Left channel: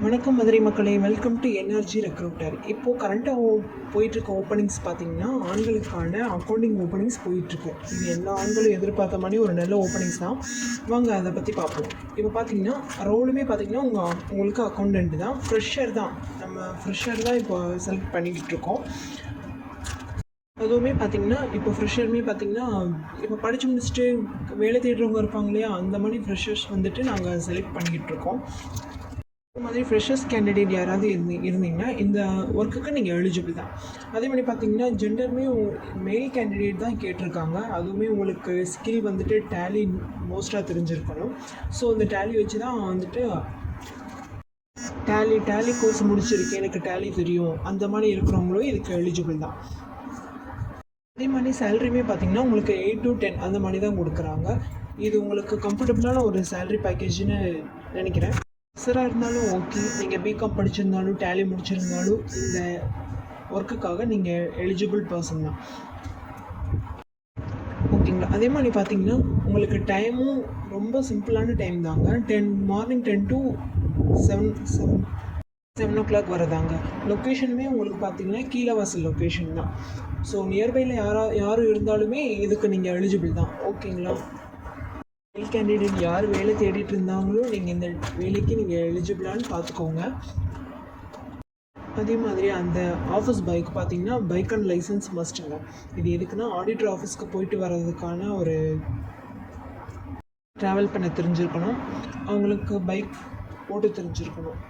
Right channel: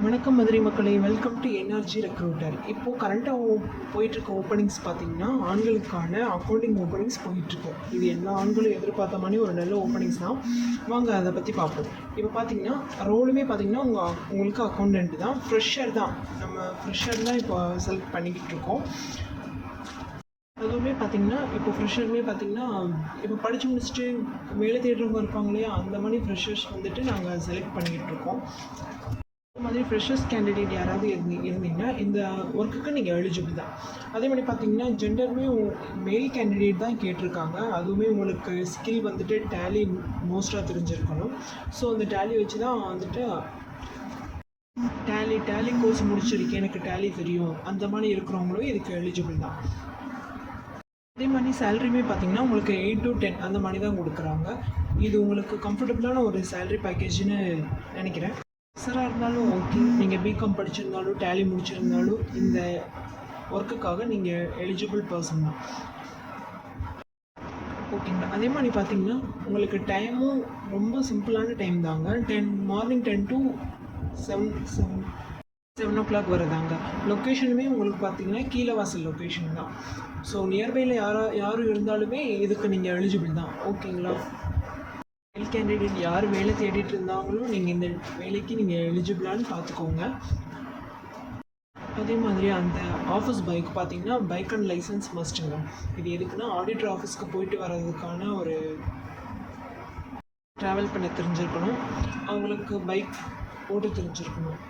வணக்கம் மதுரை மக்களே, welcome to NRG recruiter. இப்போது கரண்ட்டாக போயிட்டுருக்க ஓப்பனிங்ஸ் பார்த்திங்கன்னா ஆண்களுக்கான அக்கௌண்டிங் ஓப்பனிங்ஸ் போயிட்டுருக்கும். இது எல்லா ஆண்களும் எதிர்பார்த்த மாதிரி ஒரு நல்ல ஓப்பனிங்ஸ் தான். வாங்க அதை பற்றி பார்ப்போம். இப்போ பார்த்தீங்கன்னா ரோலுமே பார்த்திங்கன்னா உங்களுக்கு அக்கௌண்டன்ட் தான், ஃப்ரெஷர் தான். நம்ம ஃப்ரெஷர் தான் இப்போ செலக்ட் பண்ணிக்கிட்டு இருக்கோம். அதுவுமே பார்த்திங்கன்னா இப்போ ஃப்ரெஷருமே பார்த்திங்கன்னா இப்போ படித்து முடிச்சுட்டு வேலை தேடுறவங்க இருப்பாங்க இல்லையா, அந்த மாதிரி ஃப்ரெஷர்ஸ் வந்துட்டு நாங்கள் செலக்ட் பண்ணிக்கிட்டு இருக்கோம். அது மாதிரி ஃப்ரெஷர்ஸ் கேண்டிடேட் யாராவது இருந்தீங்கன்னா இந்த ஒர்க்குக்கு நீங்கள் எலிஜிபிள் தான். அதே மாதிரி பார்த்தீங்கன்னா ஜெண்டருமே மேல் கேண்டிடேட் தான் கேட்டிருக்காங்க. அதுவுமே உங்களுக்கு ஸ்கில் வந்துட்டு டேலி மோஸ்ட்டாக தெரிஞ்சிருக்கணும். ஸோ அந்த டேலி வச்சு தான் வந்துட்டு டேலி கோர்ஸ் முடிச்சிருக்கேன், எனக்கு டேலி தெரியும், அந்த மாதிரி இருக்கிறவங்களும் இதுக்கு எலிஜிபிள் தான். அதே மாதிரி சேலரியுமே பார்த்திங்கன்னா உங்களுக்கு 8 to 10 அந்த மாதிரி தான் கொடுக்குறாங்க. இது உங்களுக்கு கம்ஃபர்டபுளான ஒரு சேலரி பேக்கேஜ்னு நினைக்கிறேன். ஃப்ரெஷராக இருந்தாலும் ஓகே, நீங்கள் பிகாம் படிச்சிருந்தாலும் டேலி முடிச்சிருந்தாலும் இந்த ஒர்க்குக்காக நீங்கள் எலிஜிபிள் பர்சன் தான், ஓகேங்களா. அதே மாதிரி பார்த்தீங்கன்னா உங்களுக்கு டைமும் ரொம்ப சிம்பிளான டைம் தாங்க. Morning 10 to 7 o'clock வரதாங்க. லொக்கேஷனுமே உங்களுக்கு பார்த்தீங்கன்னா கீழவாசல் லொக்கேஷன் தான். ஸோ நியர்பையில் யாரும் இருந்தாலுமே இதுக்கு நீங்கள் எலிஜிபிள் தான், ஓகேங்களா. மேல் கேண்டிடேட் யார் வேலை தேடிட்டு இருந்தாங்களோ நீங்கள் இந்த வேலைக்கு நீங்கள் எலிஜிபிளான்னு பார்த்துக்கோங்க. அதே மாதிரி அந்த ஆஃபீஸ் பைக் பார்த்தீங்கன்னா பைக் அண்ட் லைசன்ஸ் மஸ்ட்டுங்க. இது எதுக்குன்னா ஆடிட்டர் ஆஃபீஸ்க்கு போயிட்டு வர்றதுக்கான ஒரு ட்ராவல் பண்ண தெரிஞ்சிருக்கணும், அவங்களுக்கு பைக் ஓட்ட தெரிஞ்சிருக்கணும்.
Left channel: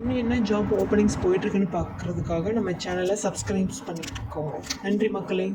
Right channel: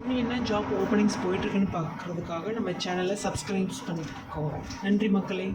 இன்னும் என்ன ஜாப் ஓப்பனிங்ஸ் போயிட்டுருக்குன்னு பார்க்குறதுக்காக நம்ம சேனலை சப்ஸ்கிரைப் பண்ணிக்கோங்க. நன்றி மக்களே.